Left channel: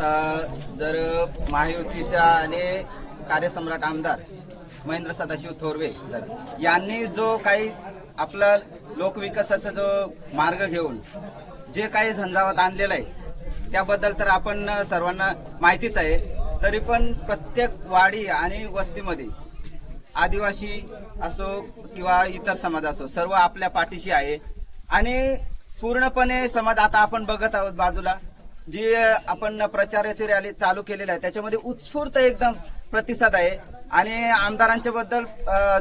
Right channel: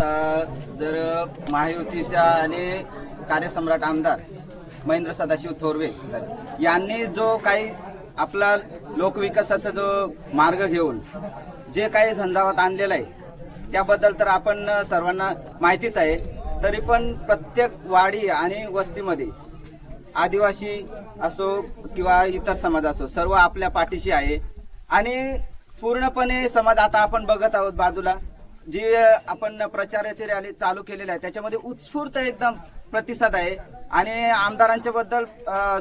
आता जर महायुतीच्या आणि कार्यसम्राट आमदार महेंद्र सदाशिव थोरवे यांनी जो काही आपला लोकविकासाचा जो मार्ग घेऊन जे काही झंझावात आणलेला आहे त्याबद्दल तर आपण सर्वांना माहितीच आहे। तरी पण प्रत्येक वाडी आणि वस्तीमध्ये आदिवासी असो किंवा इतर समाज असो सर्व आपल्या पाठीशी आहे आणि पूर्णपणे समाज आता आपण बघत आहोत बाजूला जी आपण प्रचाराची रॅली चालू केलेली आहे त्याच्यामध्ये उत्स्फूर्त एकदम प्रतिसाद आहे। आणि आमदारांच्या बद्दल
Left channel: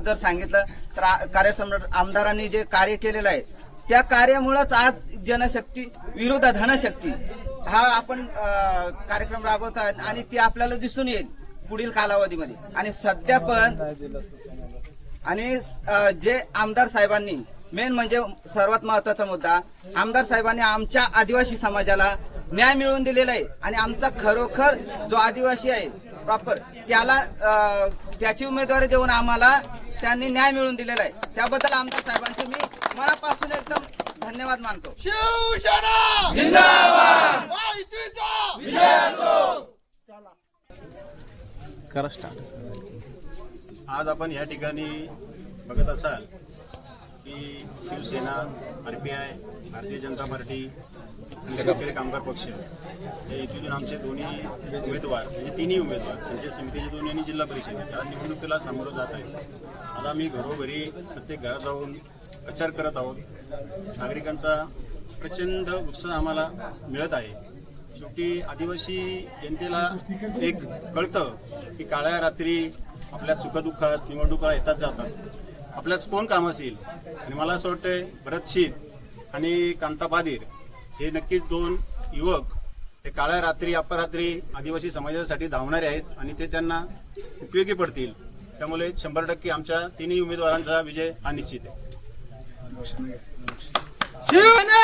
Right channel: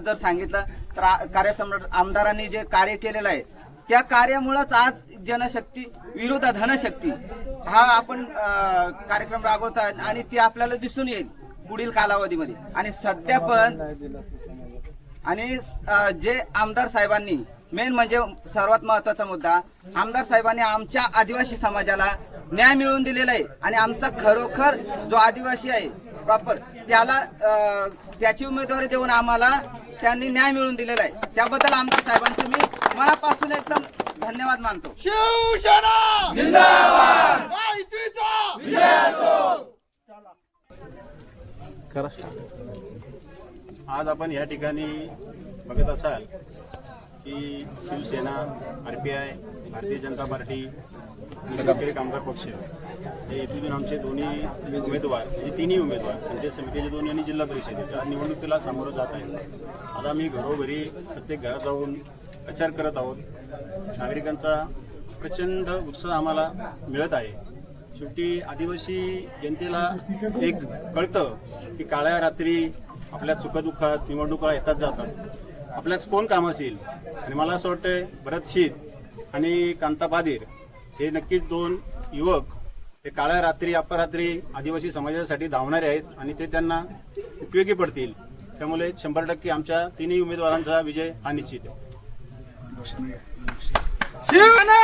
जर सांगितलं तर कार्यसम्राट आमदारांनी जे कार्य केलेलं आहे त्या कार्यामुळेच आज जनशक्ती विरुद्ध धनशक्ती हा आपण कार्यक्रम राबवत आहोत आणि ती आपल्याला दिसून येईल पुढील कालावधीमध्ये। आणि सध्या पण आणि जे आमदार साहेबांनी मेन म्हणजे सर्वात महत्वाचा मुद्दा आमदार साहेबांनी आमच्या आदिवासी समाजाला न्याय मिळवून दिलेला आहे आणि आमचा खरोखर जो आदिवासी आहे प्रॉपर त्याला त्याची उमेदवारी देऊन आम्हाला त्यांनी न्याय मिळवून दिलेला आहे। त्याबद्दल आमदार साहेबांचे मी मनापासून एकदम धन्यवाद मानतो। शिवसेना जिंदाबाद, महायुतीचा विजय असो। आज आपण या ठिकाणी बघत असाल की शिवसेना, RPI, भारतीय जनता पार्टी आणि शेतकरी कामगार पक्ष हे इथून आमचे दोन्ही उमेदवार म्हणजे तिन्ही उमेदवार पंचायत समितीचे दोन्ही आणि जिल्हा परिषदेच्या निवडणुकीला सामोरं जात आहेत। आता आम्ही घरोघरी प्रत्येक घरात जाऊन प्रचार करत आहोत। नागरिकांचा प्रचंड उत्साह आम्हाला मिळत आहे। शेवटी आदिवासी जनतेला एक कळतं की काळ्या रात्री आपल्या सुखदुःखात निवडणुका येतात जातात, आपल्याच कोण काम असेल। आणि मला असं वाटतंय भरत शीत आणि कांता बादीर हे नक्कीच दोन युवक ते काळ्या रात्री अपरात्री आदिवासी समाजासाठी धावणारे आहेत आणि ते त्यांना उपयोगी पडतील। त्यामुळे 100% आमच्या तिन्ही उमेदवारांचा विजय हा निश्चित आहे। शिवसेना